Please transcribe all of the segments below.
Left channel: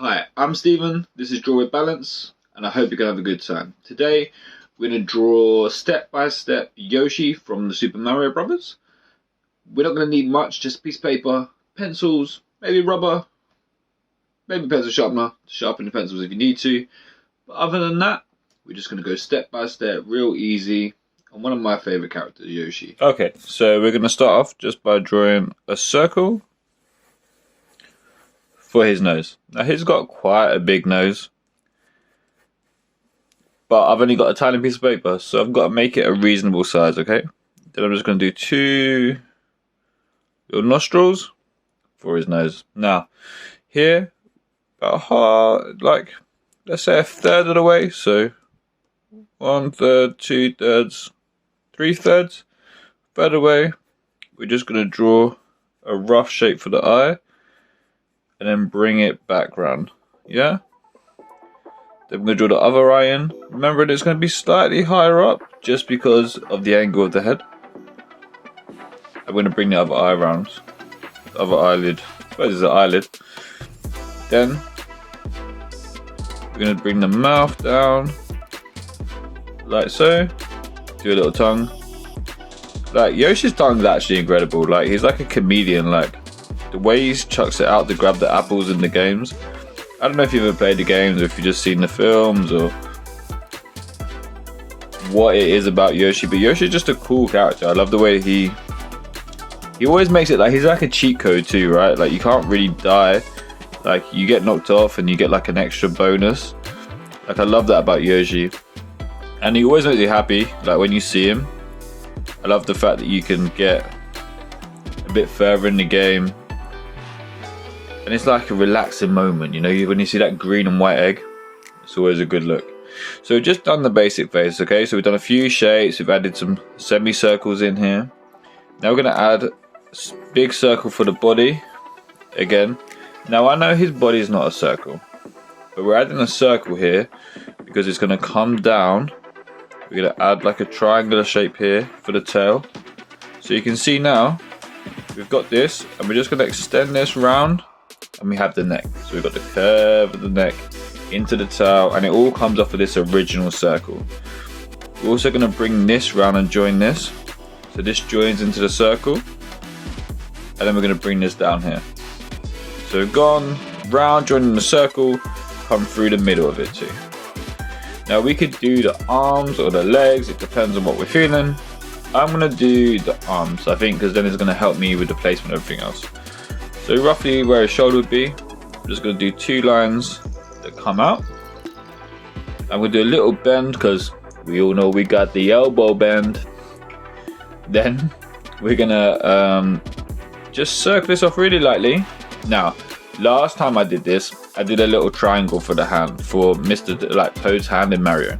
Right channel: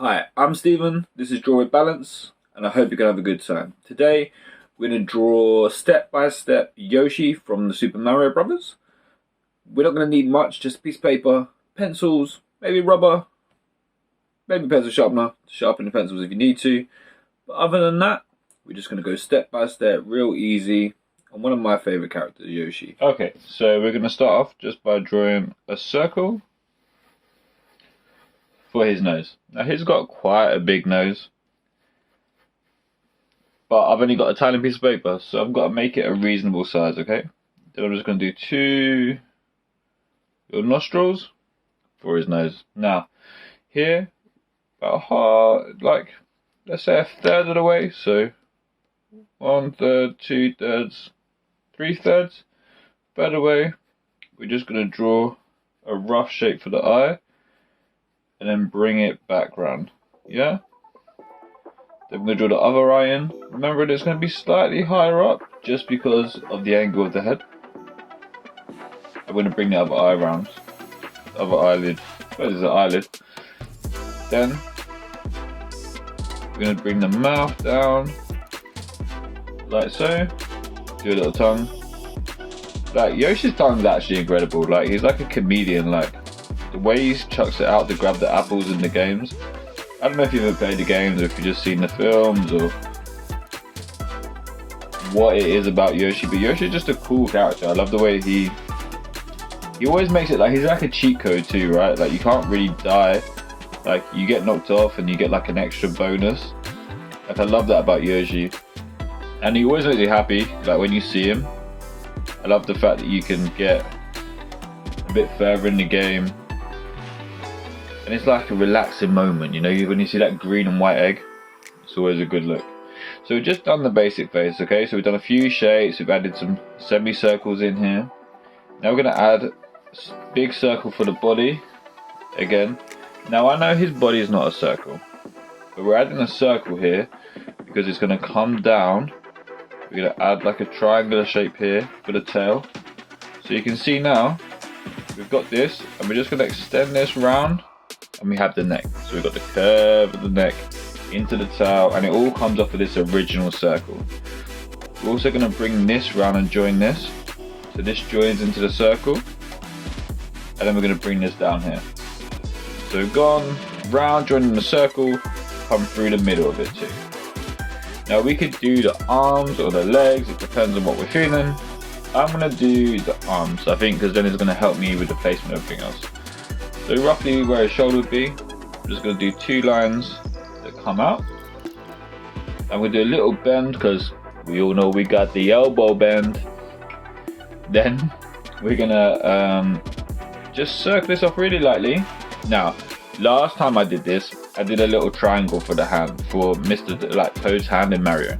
Hi, I'm Stephen, this is Draw with Balance, and I hope you're going to have a good time. Today, we're going to draw step by step Yoshi from the Super Mario Brothers. We're not going to need much, just a piece of paper, pencils, maybe rubber, maybe pencil sharpener to sharpen the pencils if you need to. But other than that, we're just going to go step by step, real easy, on one of my favourite characters, Yoshi. Okay, so we're going to start off just by drawing a circle for his nose. Now he's got quite a big nose, but I've only got a tiny piece of paper, so I've got to make it a reasonable size, okay? Then I'm just going to do two little nostrils for his nose. Now, here, about like, let's say a third of the way, so 1/3, 2/3, 3/3, third away, we're just going to draw a rough shape for the eye, and then bring it back round, yeah? Then we're going to draw the other eye in. Remember, it's going to be slightly higher up, just because of the angle of the head. I'm going to bring the other eye around, the other eyelid, I suppose it's an eyelid. Then, we're going to bring the mouth down, like so. Do a little tongue. Like, Yoshi's tongue is actually incredible, like, he's like a comedian, like, the way he chucks it out to grab the apples in the games. I don't know if you've ever played the games or if you've just seen the films or what it is about Yoshi, but Yoshi's just a cool character. I love the way he always makes it like he's like a cheat code too, right? Like you can't really die. Like you get knocked off and you get like an extra bonus. Like I love that about Yoshi. And he always makes you happy, like when you see him. I love the fact that you can get a bit further in the game. And it's like a relaxing moment, you know, when you see that green and white egg, it's always a good look. So we've just done the basic face, okay? So we've done a few shapes, we've added some semicircles in here. Now we're going to add a big circle for the body, again. Now I know his body is not a circle, but we're adding a circle here because it's going to come down. We're going to add like a triangular shape here for the tail. So you can see now, we've got this, and we're just going to extend this round. And we have the neck, so we've got the curve of the neck into the tail, and it all comes off of this original circle. We're also going to bring this round and join this, so this joins into the circle, and then we're going to bring this down here. So we've gone round, joining the circle, come through the middle of it too. Now we could do the arms or the legs, it depends on what we're feeling. I'm going to do the arms, I think, because then it's going to help me with the placement of everything else. So roughly where his shoulder would be, I'm just going to do two lines that come out. And we'll do a little bend because we all know we got the elbow bend. Then we're going to just circle this off really lightly. Now, last time I did this, I did a little triangle for the hand, for Toad's hand in Mario.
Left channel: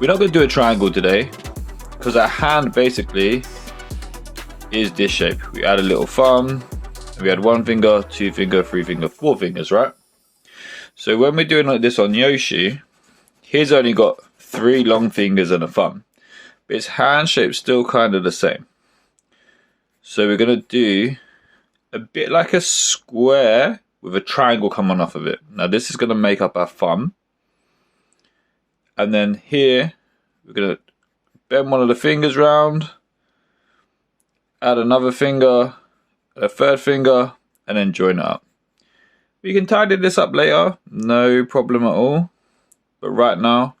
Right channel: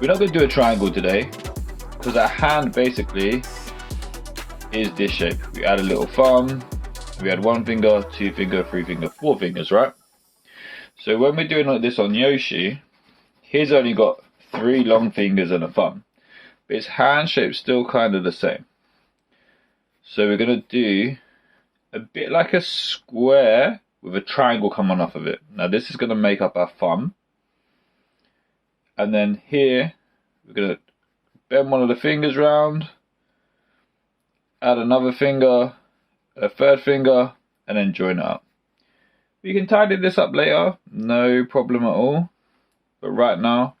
We're not going to do a triangle today because our hand basically is this shape. We add a little thumb. We had 1 finger, 2 finger, 3 finger, 4 fingers, right? So when we're doing like this on Yoshi, he's only got 3 long fingers and a thumb. But his hand shape's still kind of the same. So we're going to do a bit like a square with a triangle coming off of it. Now this is going to make up our thumb. And then here, we're going to bend one of the fingers round, add another finger, a third finger, and then join it up. We can tidy this up later, no problem at all. But right now,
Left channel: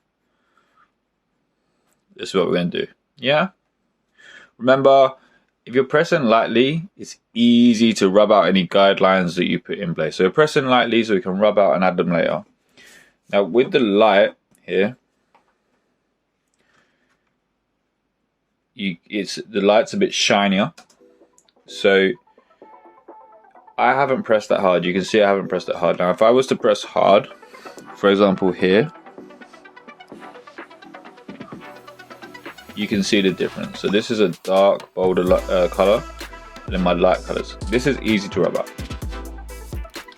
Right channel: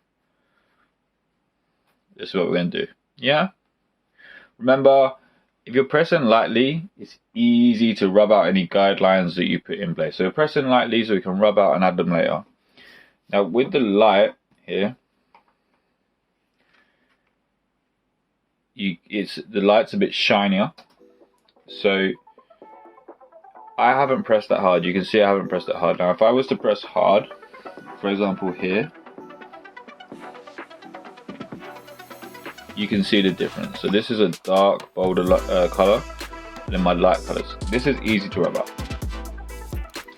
this is what we're going to do. Yeah? Remember, if you're pressing lightly, it's easy to rub out any guidelines that you put in place. So we're pressing lightly so we can rub out and add them later. Now with the light here, the light's a bit shinier. So I haven't pressed that hard. You can see I haven't pressed it hard. Now if I was to press hard, for example here, you can see the difference. So this is a dark, bolder colour, and then my light colours. This is easy to rub out.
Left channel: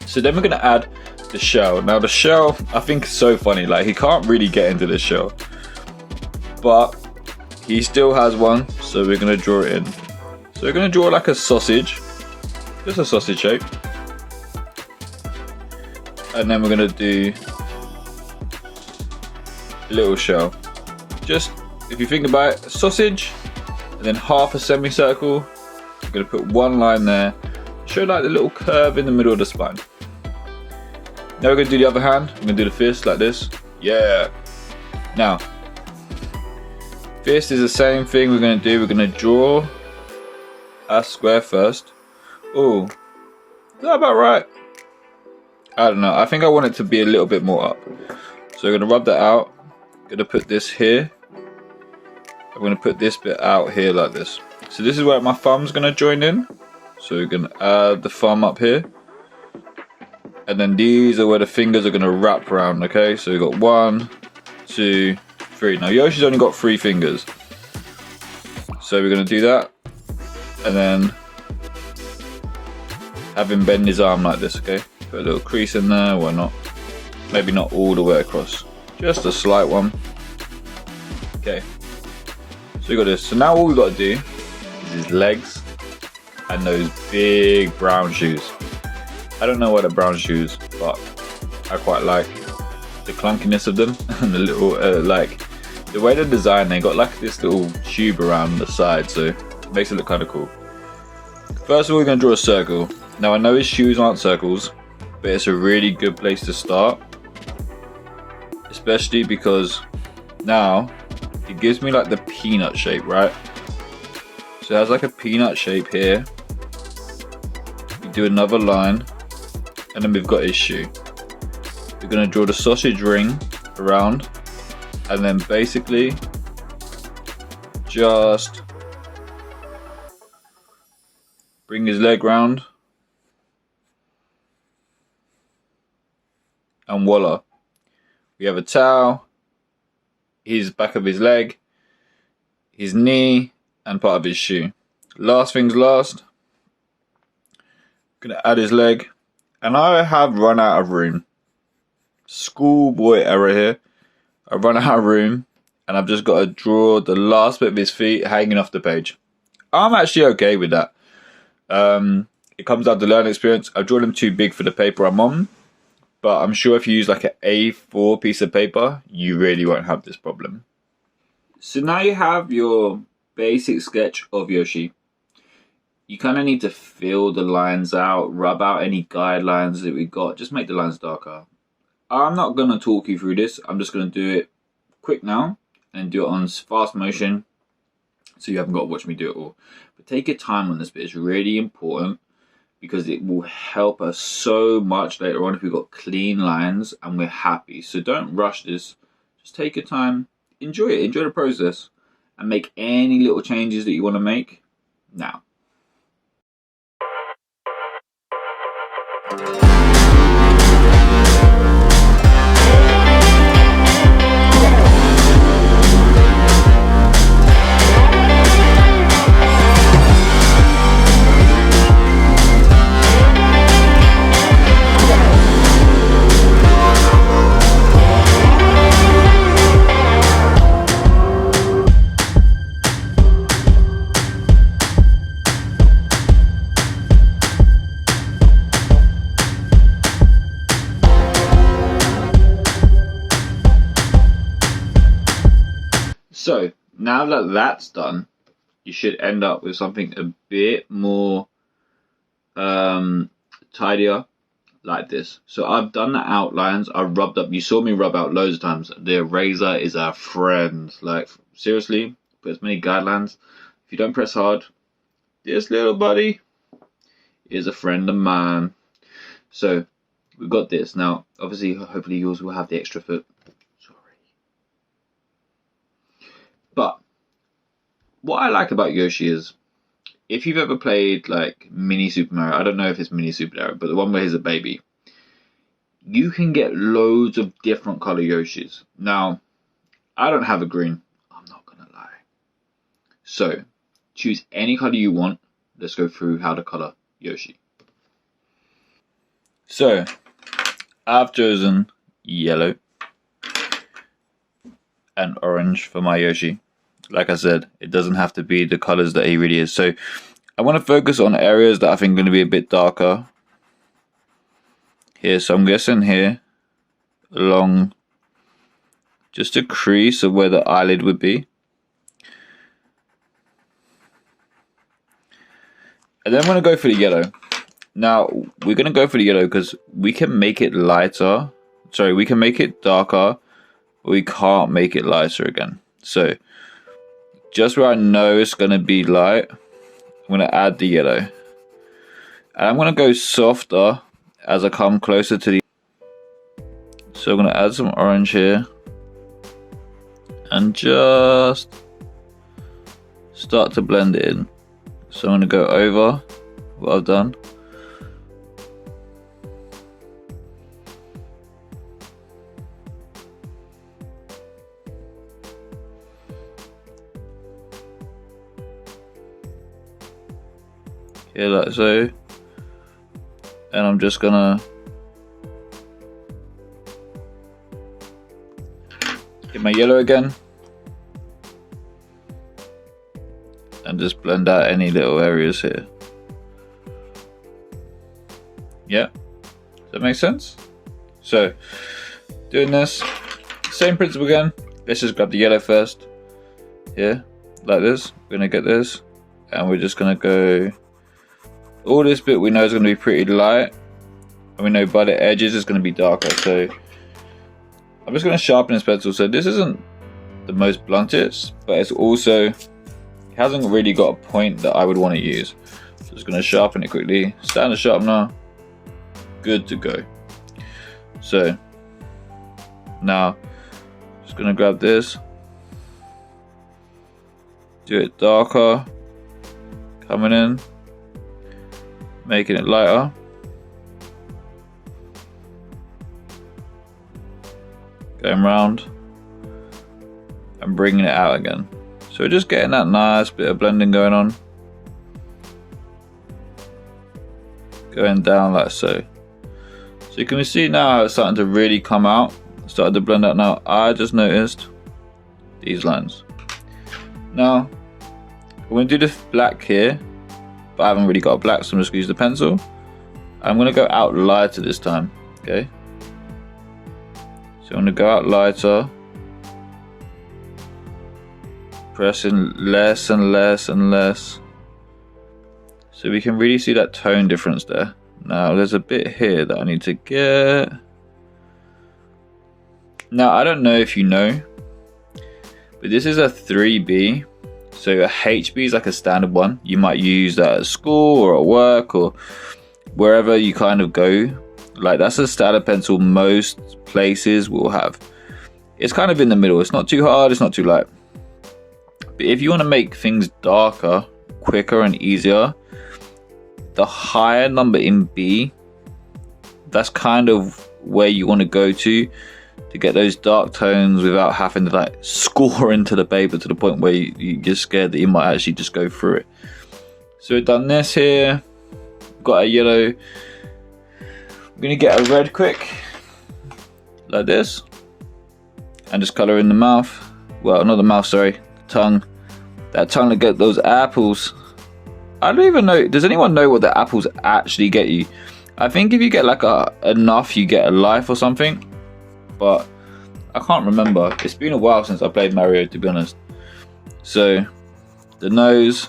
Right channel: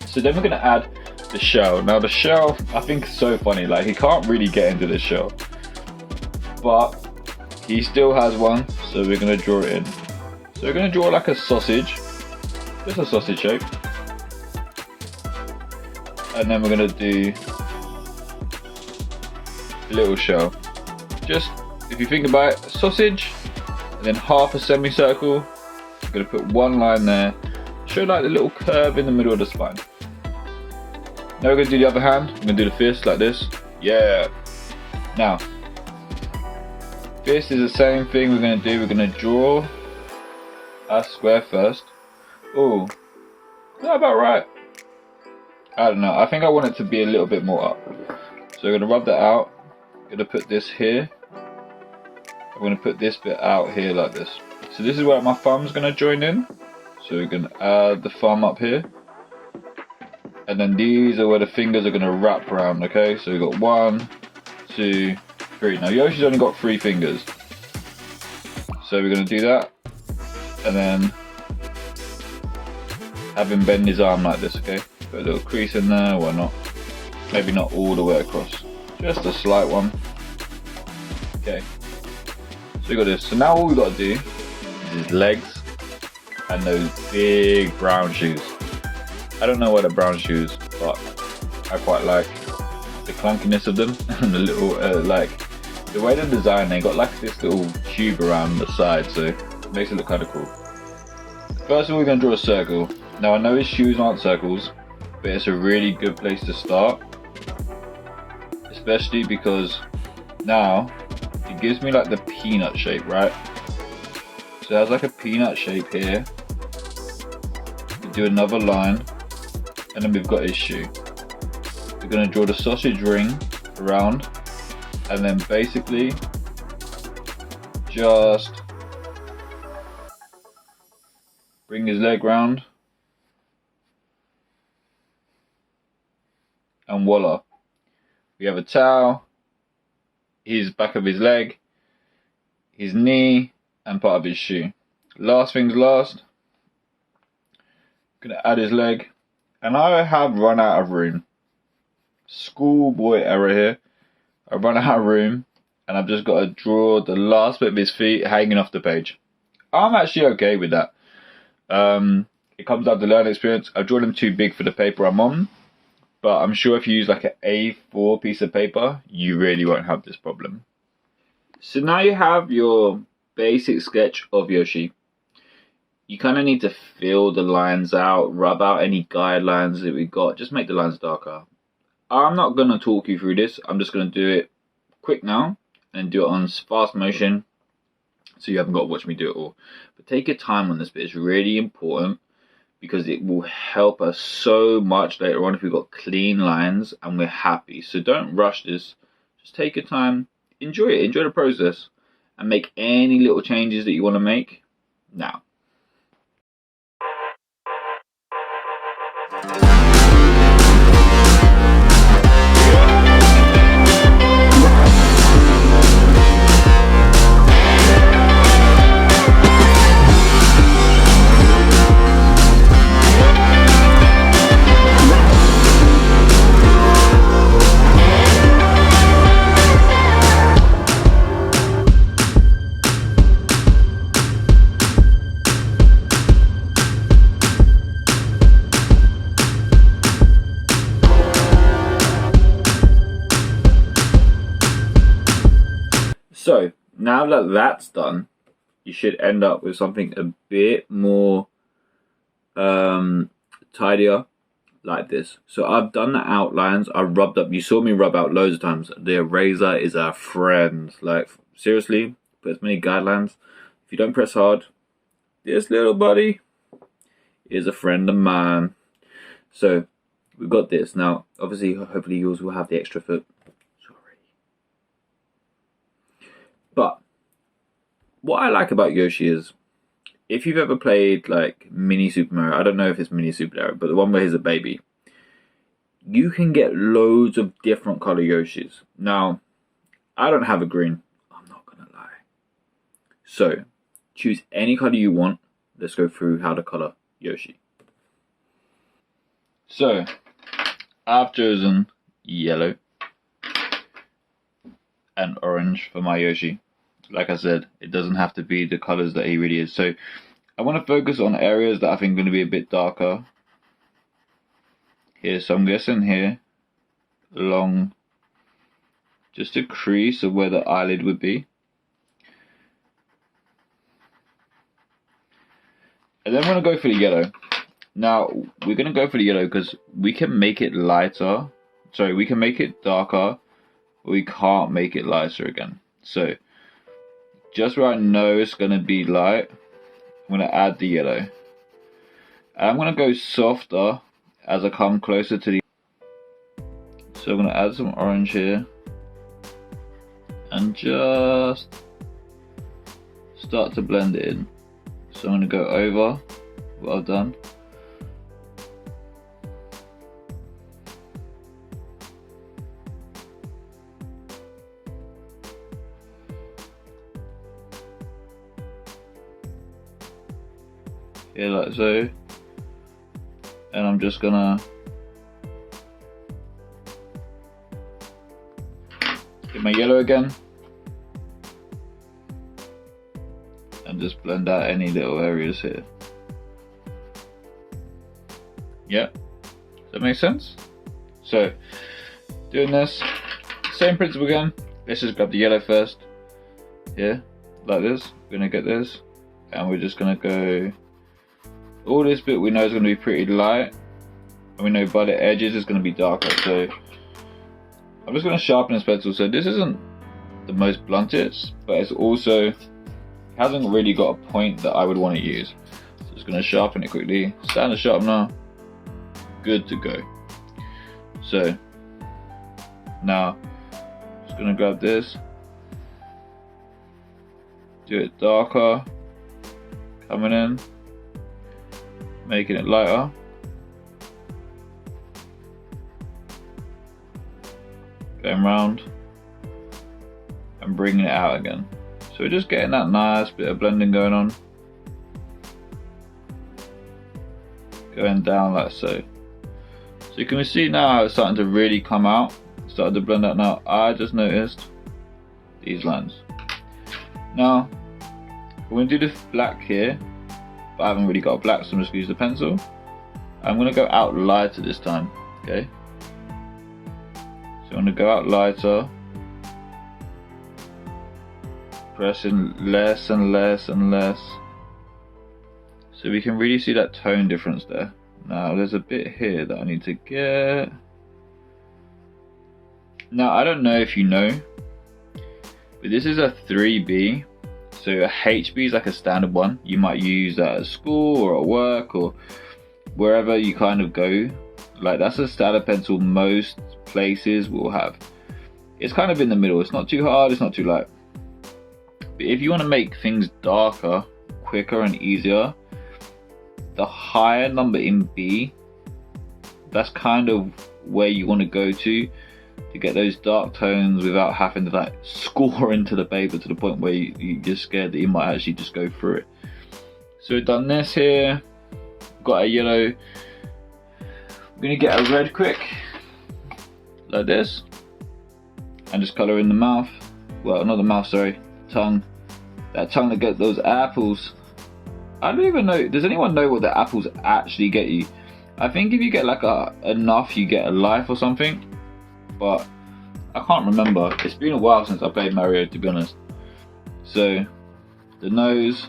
So then we're going to add the shell. Now the shell, I think is so funny. Like he can't really get into the shell, but he still has one. So we're going to draw it in. So we're going to draw like a sausage. Just a sausage shape. And then we're gonna do a little shell. Just, if you think about it, a sausage, and then half a semicircle. I'm gonna put one line there, show like the little curve in the middle of the spine. Now we're gonna do the other hand. I'm gonna do the fist like this. Yeah. Now, fist is the same thing we're gonna do. We're gonna draw a square first. Oh, is that about right? I don't know. I think I want it to be a little bit more up. So we're gonna rub that out. Gonna put this here. I'm gonna put this bit out here like this. So this is where my thumb's gonna join in. So we're gonna add the thumb up here. And then these are where the fingers are gonna wrap around, okay? So we've got 1, 2, 3. Now Yoshi's only got 3 fingers. So we're gonna do that. And then have him bend his arm like this, okay? Put a little crease in there, why not? Maybe not all the way across. Just a slight one. Okay. So we got this. So now all we got to do is his legs and those big brown shoes. I don't know why they're brown shoes, but I quite like the clunkiness of them and the little like the way they're designed. They got like this little tube around the side, so it makes it look kind of cool. First of all, we're going to draw a circle. Now I know his shoes aren't circles, but it's a really good place to start, especially because now it gives me like the peanut shape, right? So it has like a peanut shape here. We do another line, and then we've got his shoe. We're going to draw the sausage ring around, and then basically just bring his leg round, and voila, we have a towel, his back of his leg, his knee, and part of his shoe. Last things last, gonna add his leg, and I have run out of room. Schoolboy error here. I've run out of room, and I've just got to draw the last bit of his feet hanging off the page. I'm actually okay with that. It comes down to learning experience. I've drawn them too big for the paper I'm on, but I'm sure if you use like an A4 piece of paper, you really won't have this problem. So now you have your basic sketch of Yoshi. You kind of need to fill the lines out, rub out any guidelines that we got, just make the lines darker. I'm not going to talk you through this, I'm just going to do it quick now and do it on fast motion, so you haven't got to watch me do it all. But take your time on this bit, it's really important, because it will help us so much later on if we've got clean lines and we're happy. So don't rush this, just take your time, enjoy it, enjoy the process, and make any little changes that you want to make now. So now that that's done, you should end up with something a bit more tidier, like this. So I've done the outlines, I've rubbed up, you saw me rub out loads of times. The eraser is our friend. Like seriously, put as many guidelines. If you don't press hard, this little buddy is a friend of mine. So we've got this. Now obviously, hopefully yours will have the extra foot. But what I like about Yoshi is, if you've ever played like Mini Super Mario, I don't know if it's Mini Super Mario, but the one where he's a baby, you can get loads of different color Yoshis. Now, I don't have a green, I'm not gonna lie. So, choose any color you want. Let's go through how to color Yoshi. So, I've chosen yellow and orange for my Yoshi. Like I said, it doesn't have to be the colors that he really is. So I want to focus on areas that I think are going to be a bit darker. here. So I'm guessing here along just a crease of where the eyelid would be. And then I'm going to go for the yellow. Now, we're going to go for the yellow because we can make it lighter. Sorry, we can make it darker. But we can't make it lighter again. So, just where I know it's going to be light, I'm going to add the yellow. And I'm going to go softer as I come closer to the... So I'm going to add some orange here. And just start to blend it in. So I'm going to go over what I've done. Here, like so. And I'm just gonna get my yellow again. And just blend out any little areas here. Yeah, does that make sense? So, doing this, same principle again. Let's just grab the yellow first. Yeah, like this. We're gonna get this, and we're just gonna go. All this bit we know is gonna be pretty light, and we know by the edges it's gonna be darker. So, I'm just gonna sharpen this pencil. So this isn't the most bluntest, but it's also hasn't really got a point that I would want to use. So just going to sharpen it quickly. Standard sharpener, good to go. So now just going to grab this, do it darker, coming in, making it lighter. Going round and bringing it out again. So we're just getting that nice bit of blending going on. Going down like so. So you can see now it's starting to really come out. Started to blend out now. I just noticed these lines. Now, I'm going to do the black here, but I haven't really got black, so I'm just going to use the pencil. I'm going to go out lighter this time, okay? So I'm going to go out lighter. Pressing less and less and less, so we can really see that tone difference there. Now there's a bit here that I need to get. Now I don't know if you know, but this is a 3B. So a HB is like a standard one. You might use that at school or at work or wherever you kind of go. Like that's a standard pencil most places will have. It's kind of in the middle. It's not too hard, it's not too light. But if you want to make things darker, quicker and easier, the higher number in B, that's kind of where you want to go to get those dark tones without having to like score into the paper to the point where you're scared that you might actually just go through it. So we've done this here, got a yellow. I'm going to get a red quick, like this, and just colour in the mouth. Well, not the mouth, sorry. Tongue, that tongue to get those apples. I don't even know, does anyone know what the apples actually get you? I think if you get like enough you get a life or something, but I can't remember. It's been a while since I played Mario, to be honest. So the nose,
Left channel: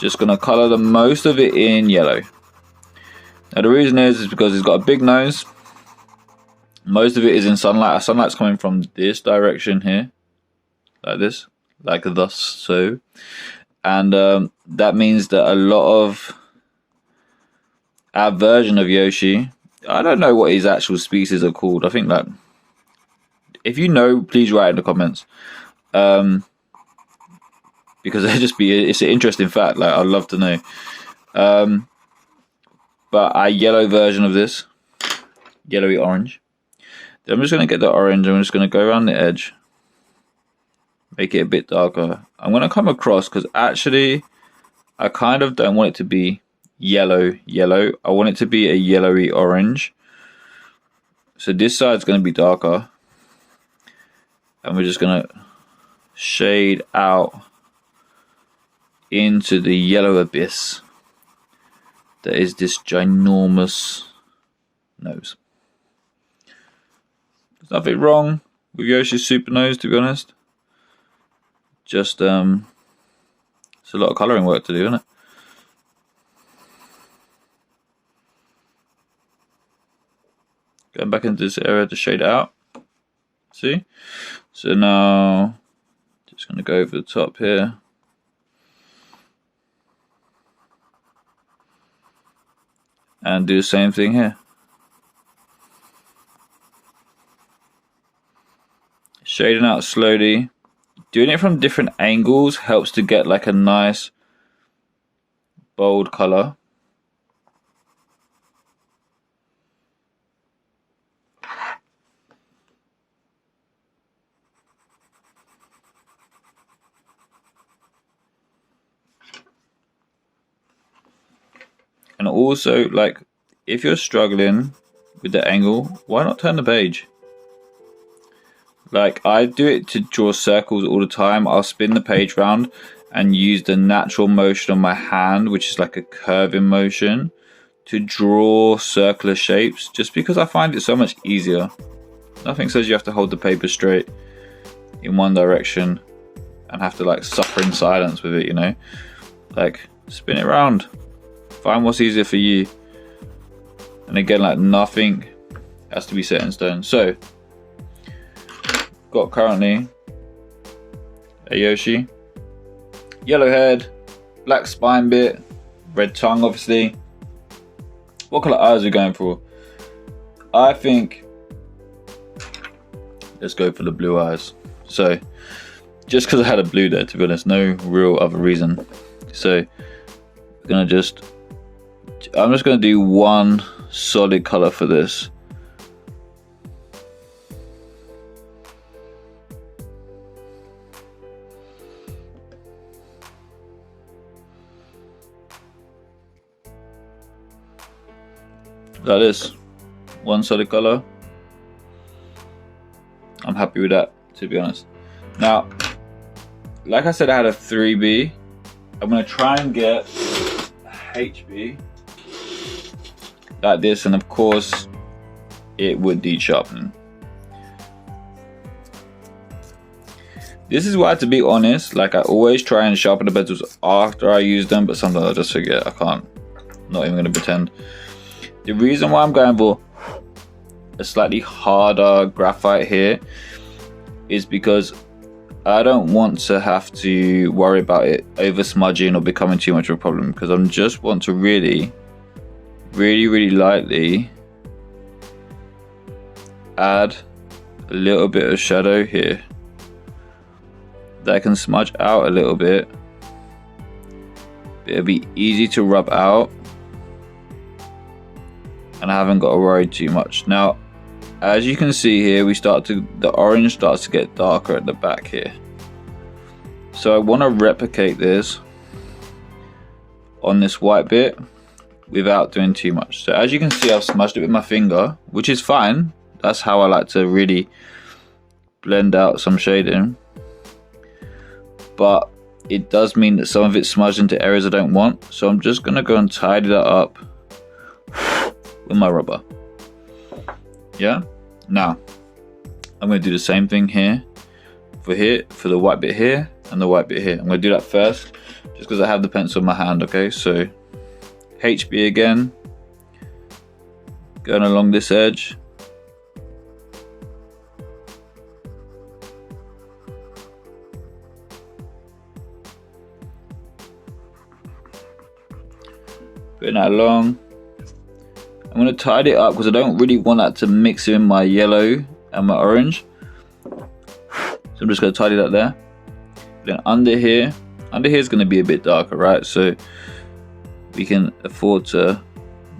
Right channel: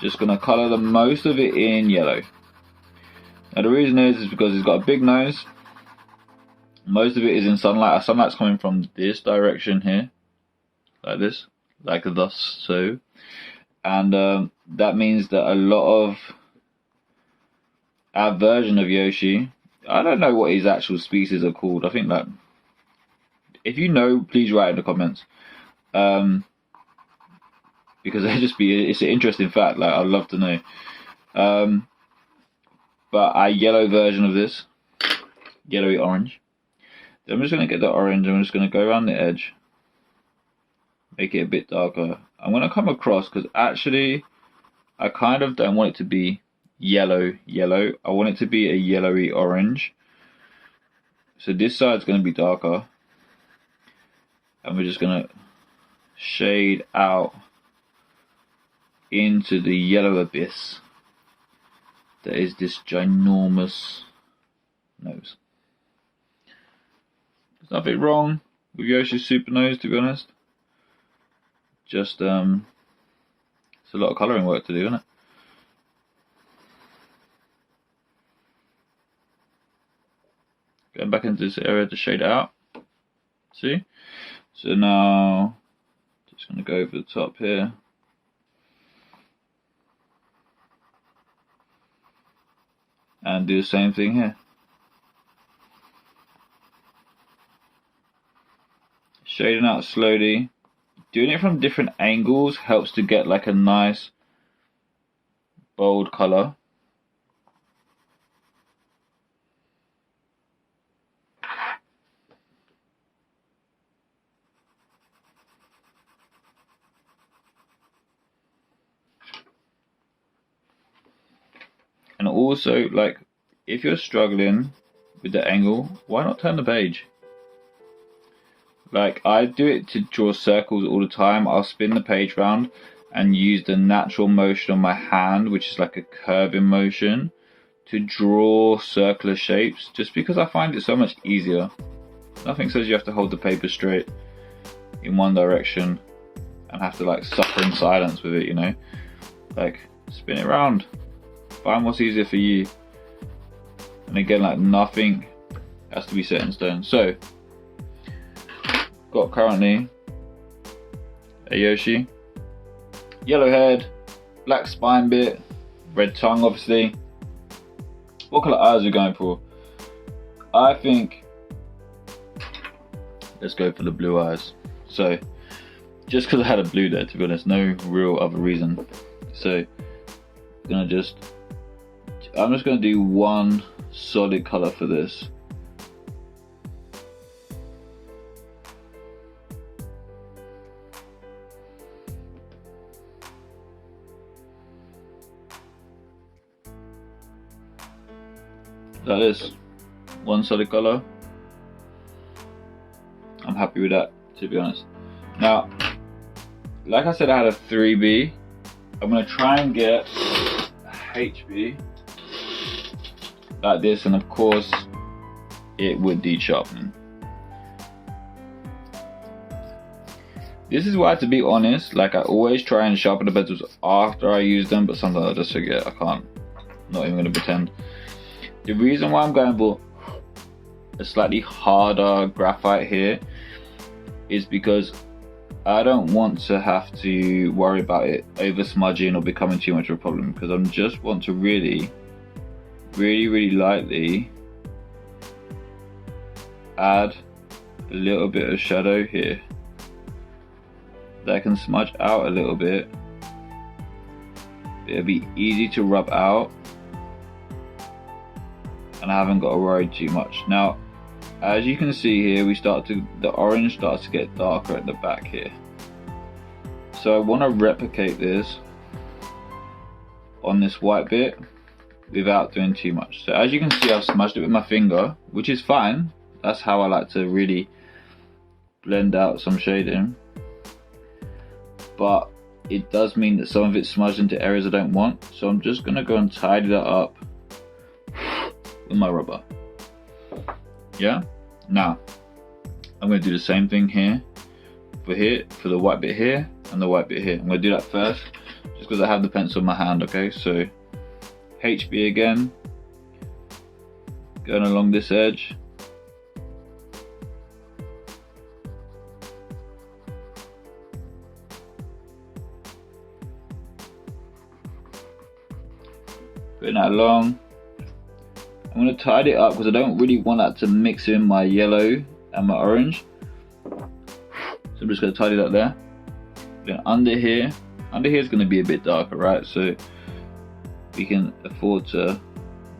just gonna color the most of it in yellow. Now the reason is because it's got a big nose. Most of it is in sunlight. Our sunlight's coming from this direction here, like this, like thus so. And that means that a lot of our version of Yoshi, I don't know what his actual species are called. I think that, if you know, please write in the comments. Because it's an interesting fact, like I'd love to know. But our yellow version of this, yellowy orange. Then I'm just going to get the orange, I'm just going to go around the edge, make it a bit darker. I'm going to come across, because actually I kind of don't want it to be yellow. I want it to be a yellowy orange. So this side's going to be darker, and we're just going to shade out into the yellow abyss. that is this ginormous nose. There's nothing wrong with Yoshi's super nose, to be honest. Just it's a lot of colouring work to do, isn't it? Going back into this area to shade it out. See? So now, just going to go over the top here. And do the same thing here. Shading out slowly. Doing it from different angles helps to get like a nice bold color. And also, like, if you're struggling with the angle, why not turn the page? Like, I do it to draw circles all the time. I'll spin the page round and use the natural motion of my hand, which is like a curving motion, to draw circular shapes, just because I find it so much easier. Nothing says you have to hold the paper straight in one direction and have to like suffer in silence with it, you know? Like, spin it around. Find what's easier for you. And again, like, nothing has to be set in stone. So, got currently a Yoshi, yellow head, black spine bit, red tongue obviously. What colour eyes are we going for? I think let's go for the blue eyes. So just because I had a blue there, to be honest, no real other reason. So I'm just gonna do one solid colour for this. Like this, one solid color. I'm happy with that, to be honest. Now, like I said, I had a 3B. I'm gonna try and get a HB like this, and of course it would need sharpening. This is why, to be honest, like, I always try and sharpen the bezels after I use them, but sometimes I just forget. I can't, not even gonna pretend. The reason why I'm going for a slightly harder graphite here is because I don't want to have to worry about it over smudging or becoming too much of a problem, because I just want to really lightly add a little bit of shadow here that can smudge out a little bit. It'll be easy to rub out, and I haven't got to worry too much. Now, as you can see here, the orange starts to get darker at the back here. So I want to replicate this on this white bit without doing too much. So as you can see, I've smudged it with my finger, which is fine. That's how I like to really blend out some shading. But it does mean that some of it's smudged into areas I don't want. So I'm just going to go and tidy that up with my rubber. Yeah. Now I'm going to do the same thing here for the white bit here and the white bit here. I'm going to do that first just because I have the pencil in my hand. Okay, so HB again, going along this edge. Putting that along. I'm going to tidy it up because I don't really want that to mix in my yellow and my orange. So I'm just going to tidy that there. Then under here is going to be a bit darker, right? So we can afford to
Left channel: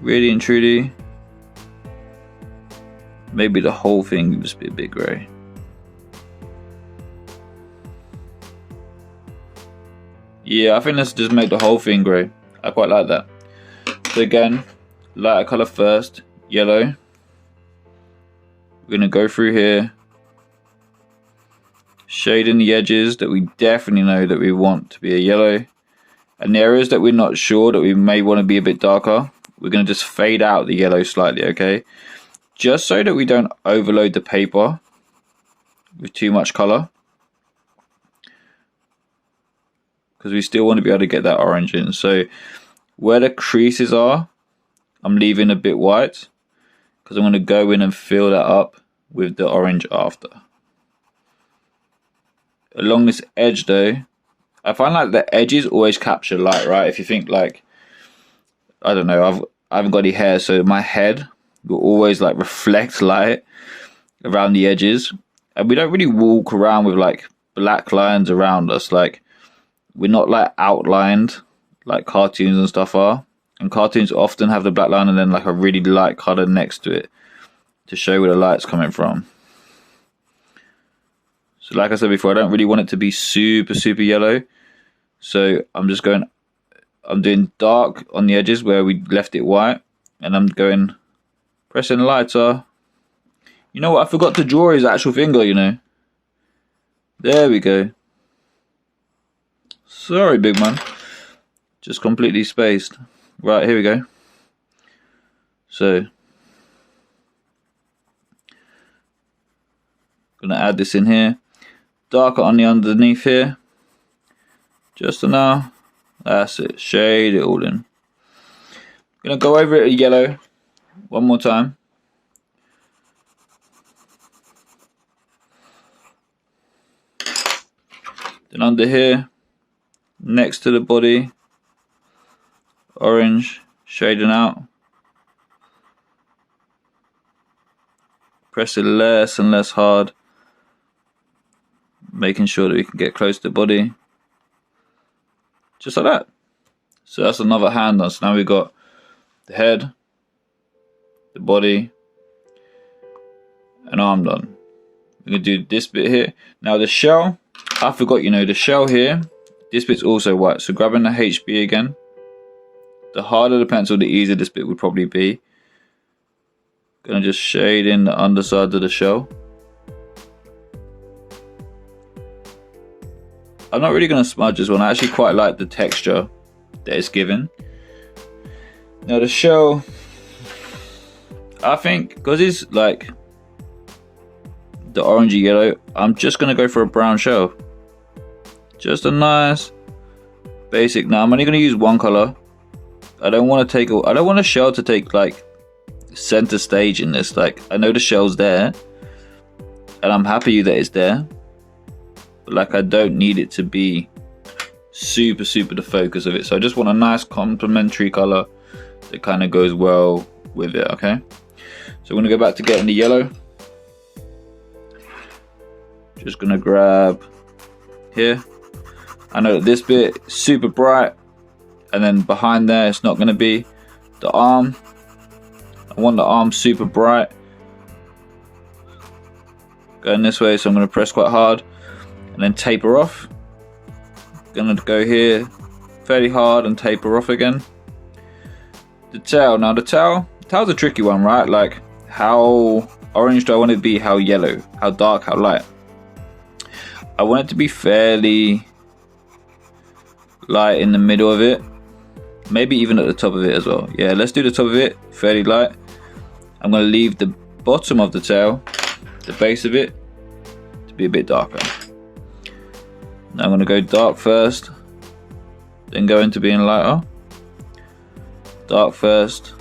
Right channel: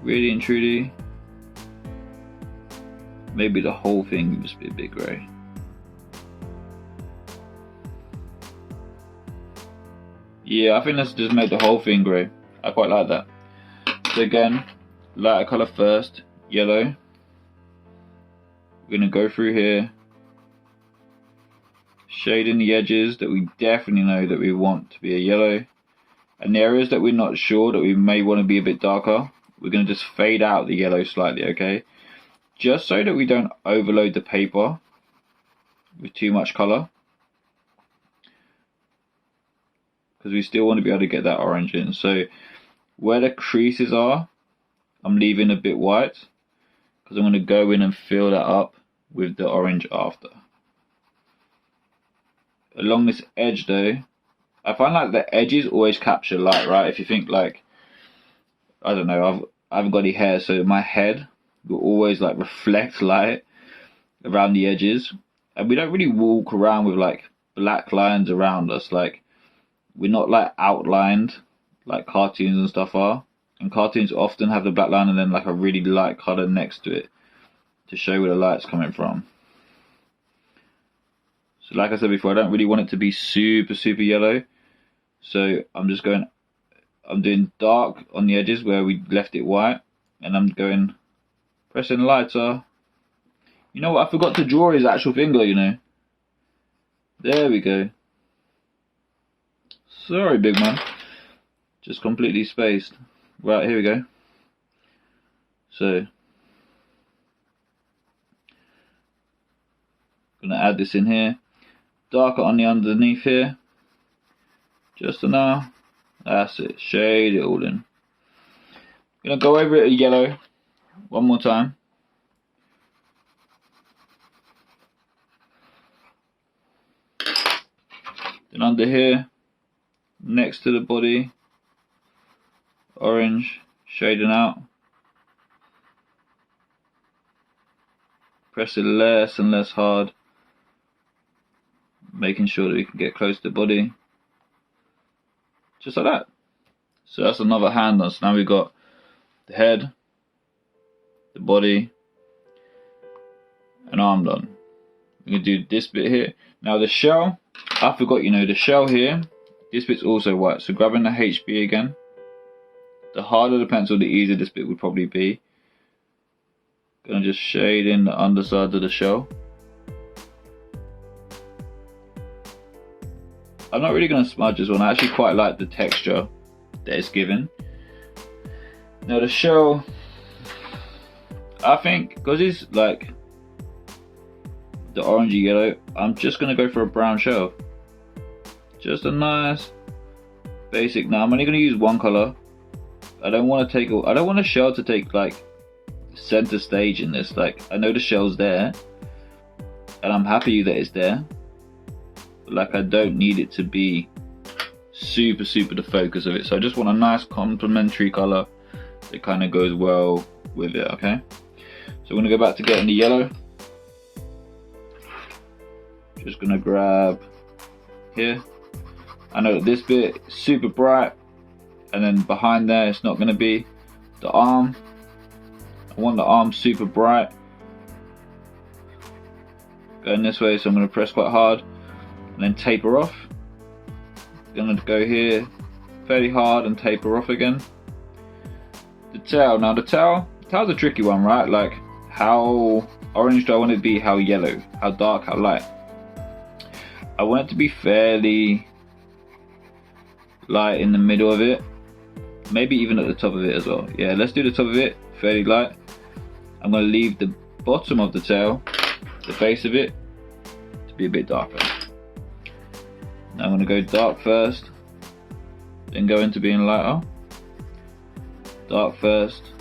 really and truly, maybe the whole thing can just be a bit grey. Yeah, I think let's just make the whole thing grey. I quite like that. So again, lighter colour first, yellow. We're going to go through here, shading the edges that we definitely know that we want to be a yellow, And the areas that we're not sure that we may want to be a bit darker, we're going to just fade out the yellow slightly, okay? Just so that we don't overload the paper with too much color. Because we still want to be able to get that orange in. So where the creases are, I'm leaving a bit white. Because I'm going to go in and fill that up with the orange after. Along this edge though, I find like the edges always capture light, right? If you think like, I don't know, I haven't got any hair, so my head will always like reflect light around the edges. And we don't really walk around with like black lines around us. Like we're not like outlined like cartoons and stuff are. And cartoons often have the black line and then like a really light color next to it to show where the light's coming from. So like I said before, I don't really want it to be super, super yellow. So I'm doing dark on the edges where we left it white. And I'm pressing lighter. You know what, I forgot to draw his actual finger, you know. There we go. Sorry, big man. Just completely spaced. Right, here we go. So, gonna add this in here. Darker on the underneath here. Just enough. That's it. Shade it all in. Gonna go over it in yellow one more time. Then under here, next to the body, orange, shading out. Press it less and less hard, making sure that we can get close to the body. Just like that. So that's another hand done. So now we've got the head, the body, and arm done. We're going to do this bit here. Now the shell, I forgot, you know, the shell here, this bit's also white. So grabbing the HB again. The harder the pencil, the easier this bit would probably be. Gonna just shade in the underside of the shell. I'm not really gonna smudge this one. I actually quite like the texture that it's given. Now the shell, I think, because it's like the orangey yellow, I'm just gonna go for a brown shell. Just a nice basic. Now I'm only gonna use one color. I don't want a shell to take like center stage in this. Like I know the shell's there and I'm happy that it's there, but like I don't need it to be super the focus of it. So I just want a nice complementary color that kind of goes well with it. Okay, so I'm gonna go back to getting the yellow. Just gonna grab here. I know that this bit is super bright, and then behind there it's not going to be. The arm, I want the arm super bright, going this way, so I'm going to press quite hard and then taper off. Going to go here fairly hard and taper off again. The tail, now the tail's a tricky one, right? Like how orange do I want it to be, how yellow, how dark, how light? I want it to be fairly light in the middle of it, maybe even at the top of it as well. Yeah, let's do the top of it fairly light. I'm going to leave the bottom of the tail, the base of it, to be a bit darker. Now I'm going to go dark first, then go into being lighter. Dark first,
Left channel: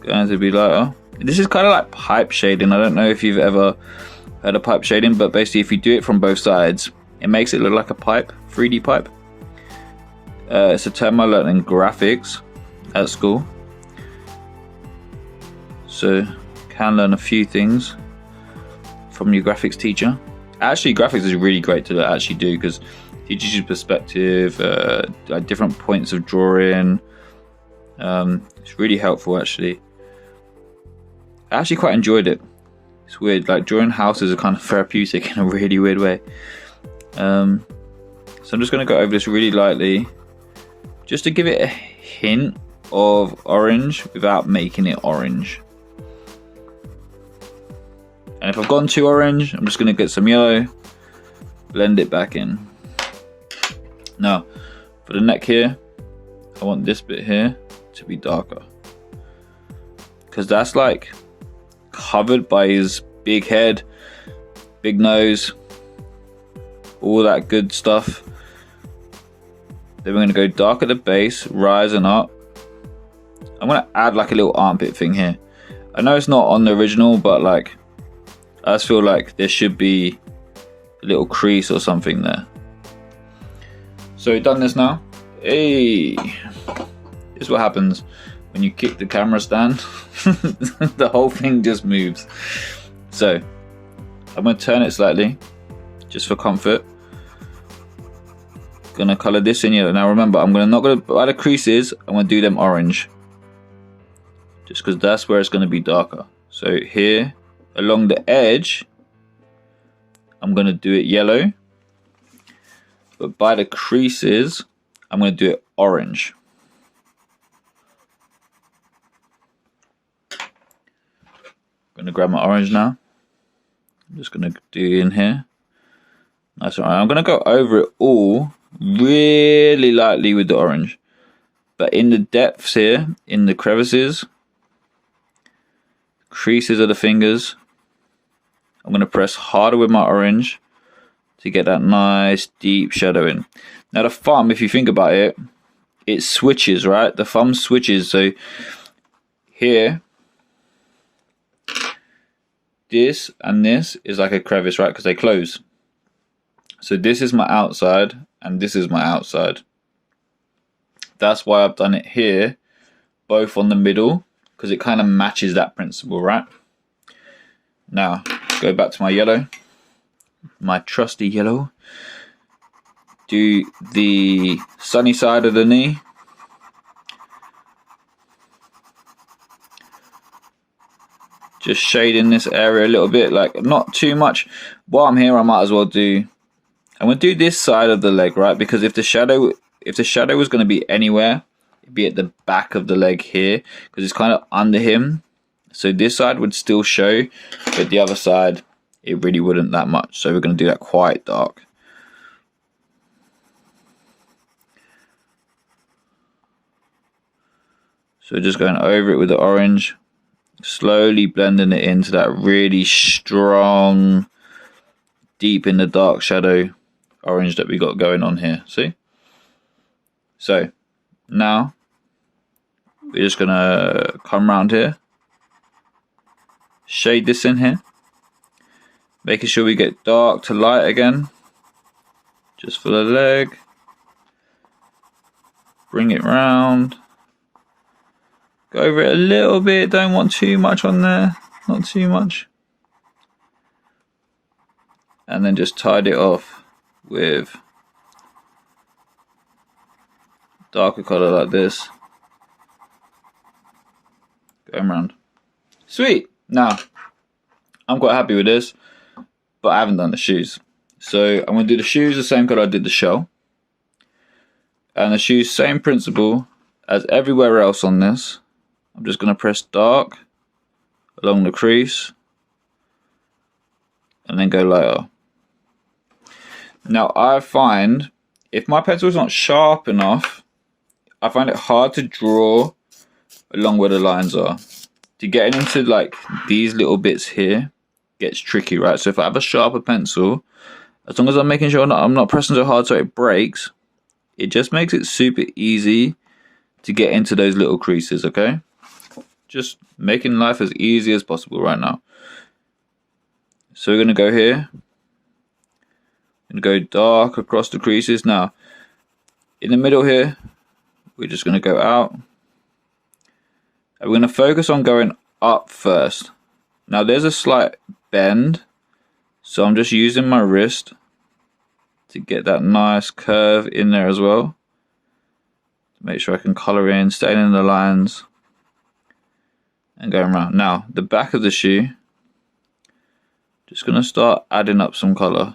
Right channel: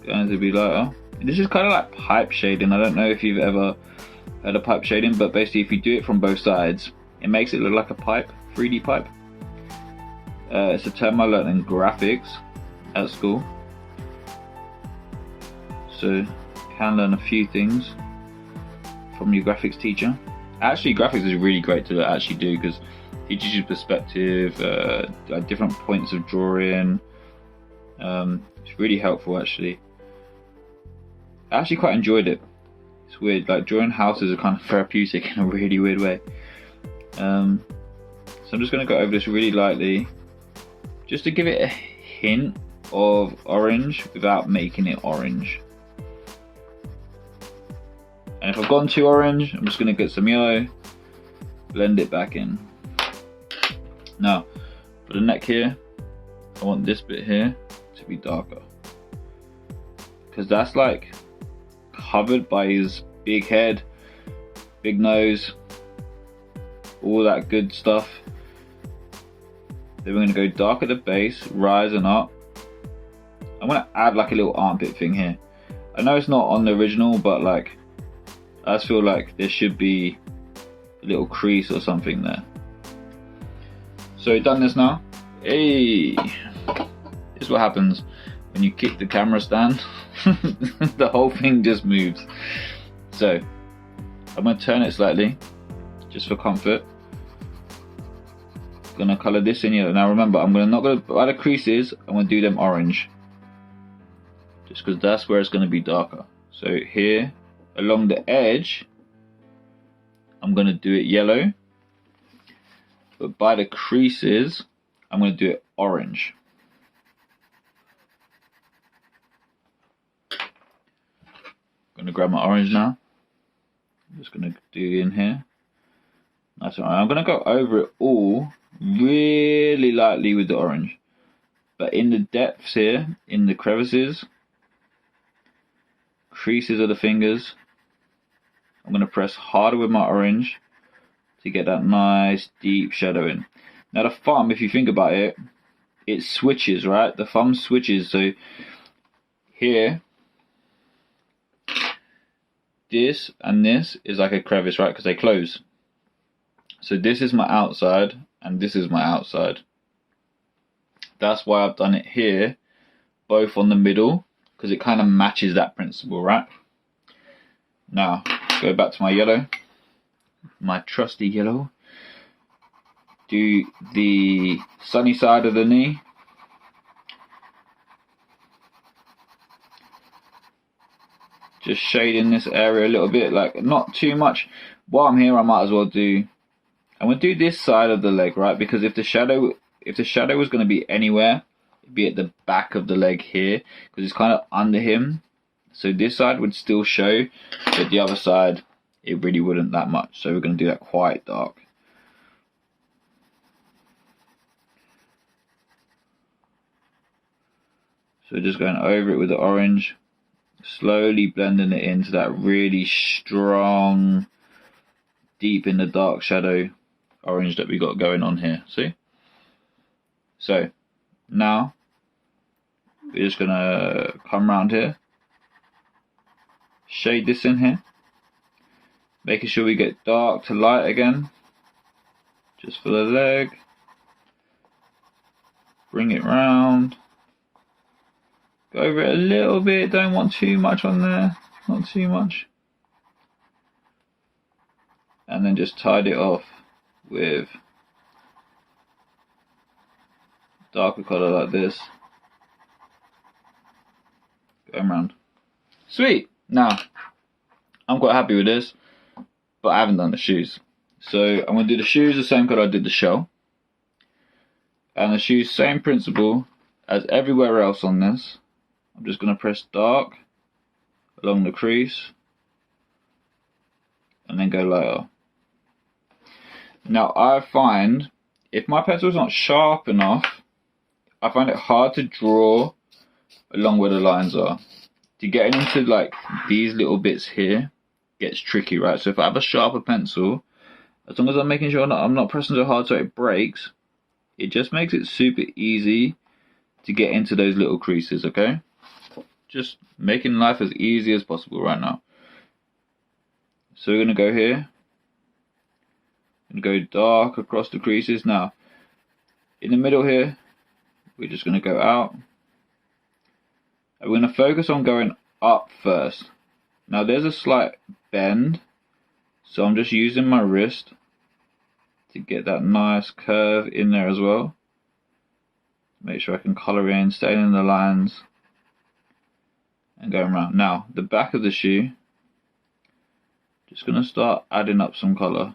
going to be lighter. This is kind of like pipe shading. I don't know if you've ever heard of pipe shading, but basically if you do it from both sides, it makes it look like a pipe, 3D pipe. It's a term I learned in graphics at school, so can learn a few things from your graphics teacher. Actually, graphics is really great to actually do because it teaches you perspective, like different points of drawing. It's really helpful actually. I actually quite enjoyed it. It's weird, like drawing houses are kind of therapeutic in a really weird way. So I'm just going to go over this really lightly, just to give it a hint of orange without making it orange. And if I've gone too orange, I'm just going to get some yellow, blend it back in. Now, for the neck here, I want this bit here to be darker, because that's like covered by his big head, big nose, all that good stuff. Then we're going to go dark at the base, rising up. I'm going to add like a little armpit thing here. I know it's not on the original, but like I just feel like there should be a little crease or something there. So we've done this now. Hey, this is what happens when you kick the camera stand. The whole thing just moves. So I'm going to turn it slightly just for comfort. Gonna color this in yellow. Now remember, I'm not gonna by the creases, I'm gonna do them orange, just because that's where it's gonna be darker. So here along the edge, I'm gonna do it yellow, but by the creases, I'm gonna do it orange. I'm gonna grab my orange now. I'm just gonna do in here. Nice. Alright, I'm gonna go over it all really lightly with the orange, but in the depths here, in the crevices, creases of the fingers, I'm going to press harder with my orange to get that nice deep shadow in. Now the thumb, if you think about it, it switches, right? The thumb switches. So here, this and this is like a crevice, right? Because they close. So this is my outside and this is my outside. That's why I've done it here, both on the middle, because it kind of matches that principle, right? Now, go back to my yellow, my trusty yellow. Do the sunny side of the knee. Just shading this area a little bit, like not too much. While I'm here, I might as well do, I'm going to do this side of the leg, right? Because if the shadow was going to be anywhere, it'd be at the back of the leg here, because it's kind of under him. So this side would still show, but the other side, it really wouldn't that much. So we're going to do that quite dark. So just going over it with the orange, slowly blending it into that really strong, deep in the dark shadow orange that we got going on here. See? So now we're just gonna come around here, shade this in here, making sure we get dark to light again, just for the leg. Bring it round, go over it a little bit, don't want too much on there, not too much, and then just tide it off with darker color like this, going around. Sweet. Now I'm quite happy with this, but I haven't done the shoes. So I'm going to do the shoes the same color I did the shell, and the shoes same principle as everywhere else on this. I'm just going to press dark along the crease and then go lighter. Now I find if my pencil is not sharp enough, I find it hard to draw along where the lines are. To get into like these little bits here gets tricky, right? So if I have a sharper pencil, as long as I'm making sure I'm not pressing so hard so it breaks, it just makes it super easy to get into those little creases, okay? Just making life as easy as possible right now. So we're going to go here and go dark across the creases. Now, in the middle here, we're just going to go out. And we're going to focus on going up first. Now, there's a slight bend, so I'm just using my wrist to get that nice curve in there as well. Make sure I can color in, staying in the lines, and going around. Now, the back of the shoe, just going to start adding up some color.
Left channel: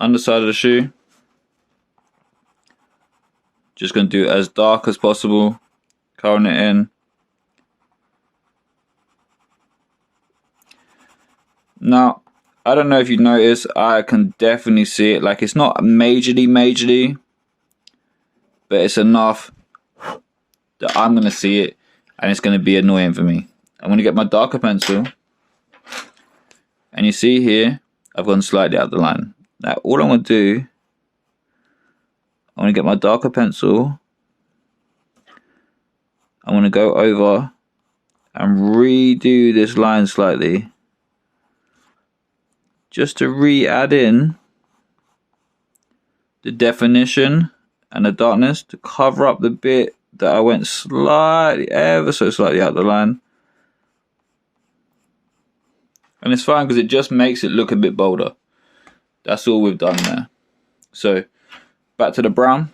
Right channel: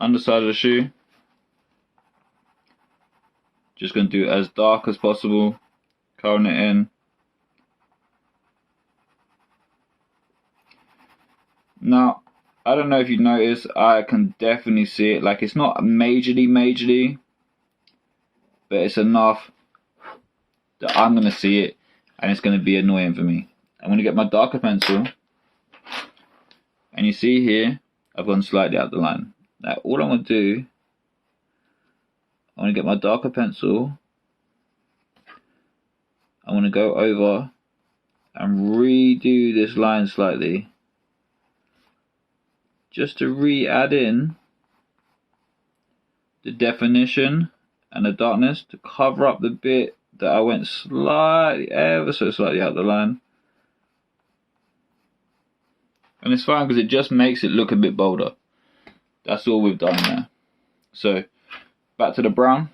Underside of the shoe, Just going to do it as dark as possible, coloring it in. Now, I don't know if you notice, I can definitely see it. Like, it's not majorly, but it's enough that I'm going to see it, and it's going to be annoying for me. I'm going to get my darker pencil, and you see here, I've gone slightly out the line. Now, all I'm going to do, I'm going to get my darker pencil. I'm going to go over and redo this line slightly, just to re-add in the definition and the darkness to cover up the bit that I went slightly, ever so slightly out the line. And it's fine because it just makes it look a bit bolder. That's all we've done there. So back to the brown.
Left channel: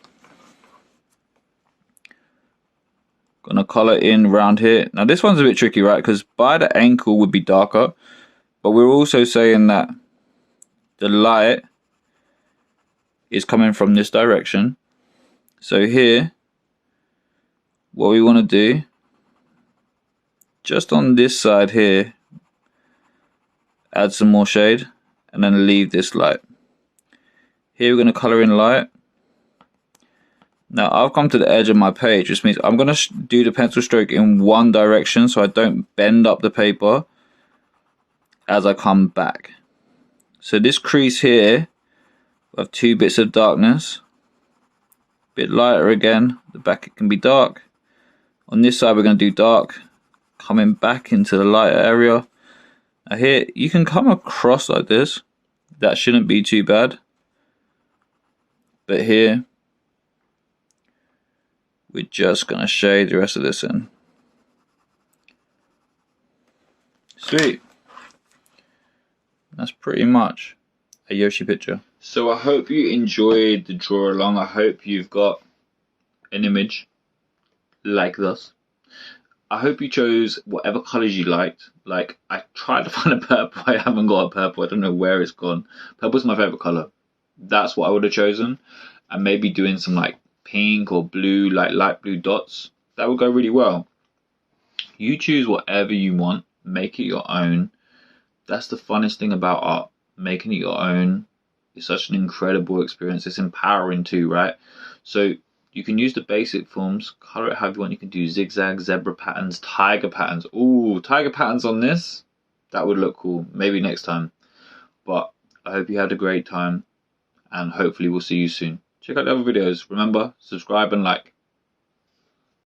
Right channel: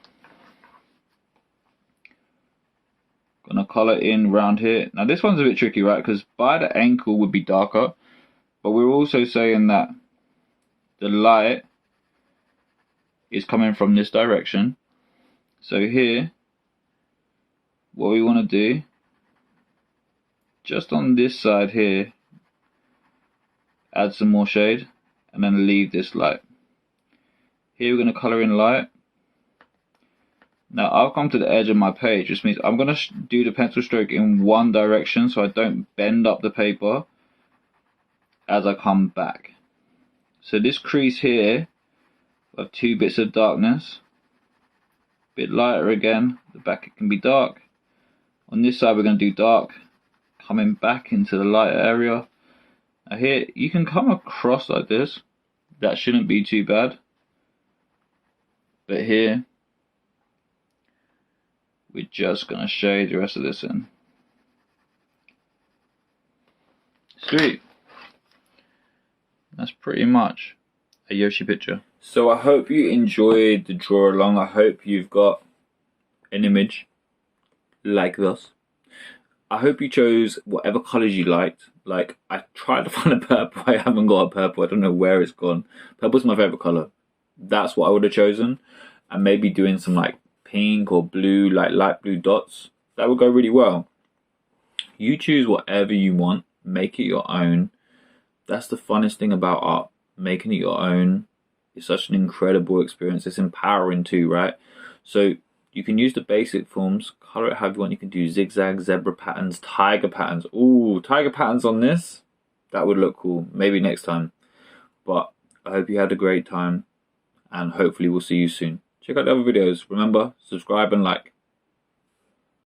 Gonna color in around here. Now this one's a bit tricky, right? Because by the ankle would be darker, but we're also saying that the light is coming from this direction. So here, what we want to do, just on this side here, add some more shade and then leave this light. Here we're going to color in light. Now I've come to the edge of my page, which means I'm going to do the pencil stroke in one direction so I don't bend up the paper as I come back. So this crease here, I have two bits of darkness, bit lighter again, the back it can be dark. On this side we're going to do dark, coming back into the lighter area. Now here you can come across like this, that shouldn't be too bad. But here we're just going to shade the rest of this in. Sweet. That's pretty much a Yoshi picture. So I hope you enjoyed the draw along. I hope you've got an image like this. I hope you chose whatever colors you liked. Like, I tried to find a purple. I haven't got a purple. I don't know where it's gone. Purple's my favorite color. That's what I would have chosen. And maybe doing some like pink or blue, like light blue dots. That would go really well. You choose whatever you want. Make it your own. That's the funnest thing about art. Making it your own is such an incredible experience. It's empowering too, right? So you can use the basic forms, color it however you want. You can do zigzag, zebra patterns, tiger patterns. Ooh, tiger patterns on this. That would look cool. Maybe next time. But I hope you had a great time, and hopefully we'll see you soon. Check out the other videos. Remember, subscribe and like.